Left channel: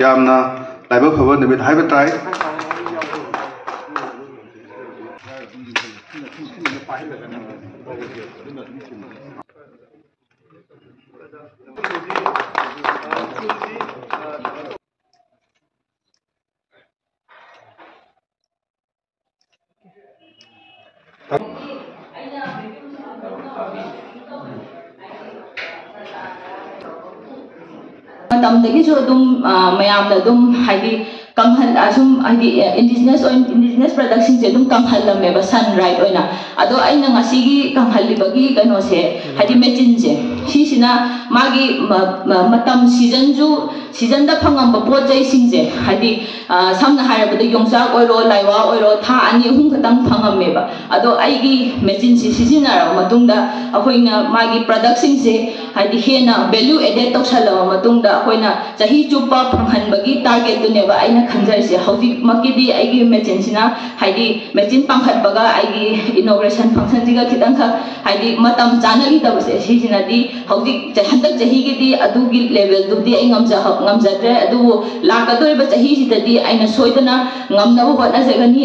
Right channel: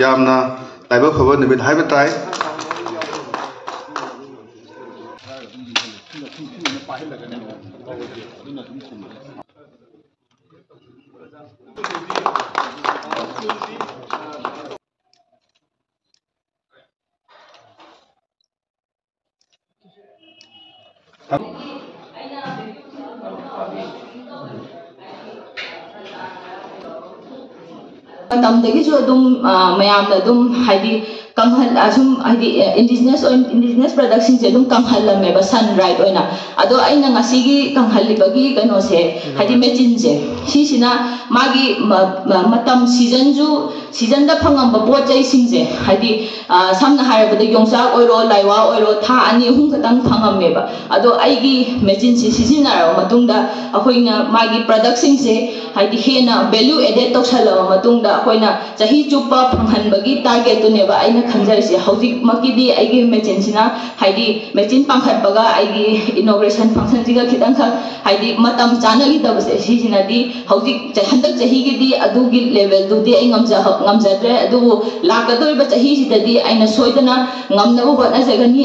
यामना लाइबा फबो निमित हाइबा ताई indigenous production se dum kanghal me ba sunrise oina ado aina ngasigi kanghal libagi kano se hadi mechin je sisina magi matam season da phangam ba pot jai sing je hadi samna haira ba yongsa oiro laiwa oiro tha ani hum khatang phangam me ba ado aigi mechin se sisina ra matungda ahoina magi production se hadi hena value added to sala matungda ahoina jahi chupa phanghan bagi target to ne ba aina khangjai se hauji makidi aigi mechin sina hadi mechin pangkhat baga aigi inauguration function jiga khitang kha hadi matam chana gi tabase sisina di hauji handak jahi gi di adugi level du di ai ngamja dre adu lakadoi ba jahi sidadi aina soidana ngamna ba hotna jagani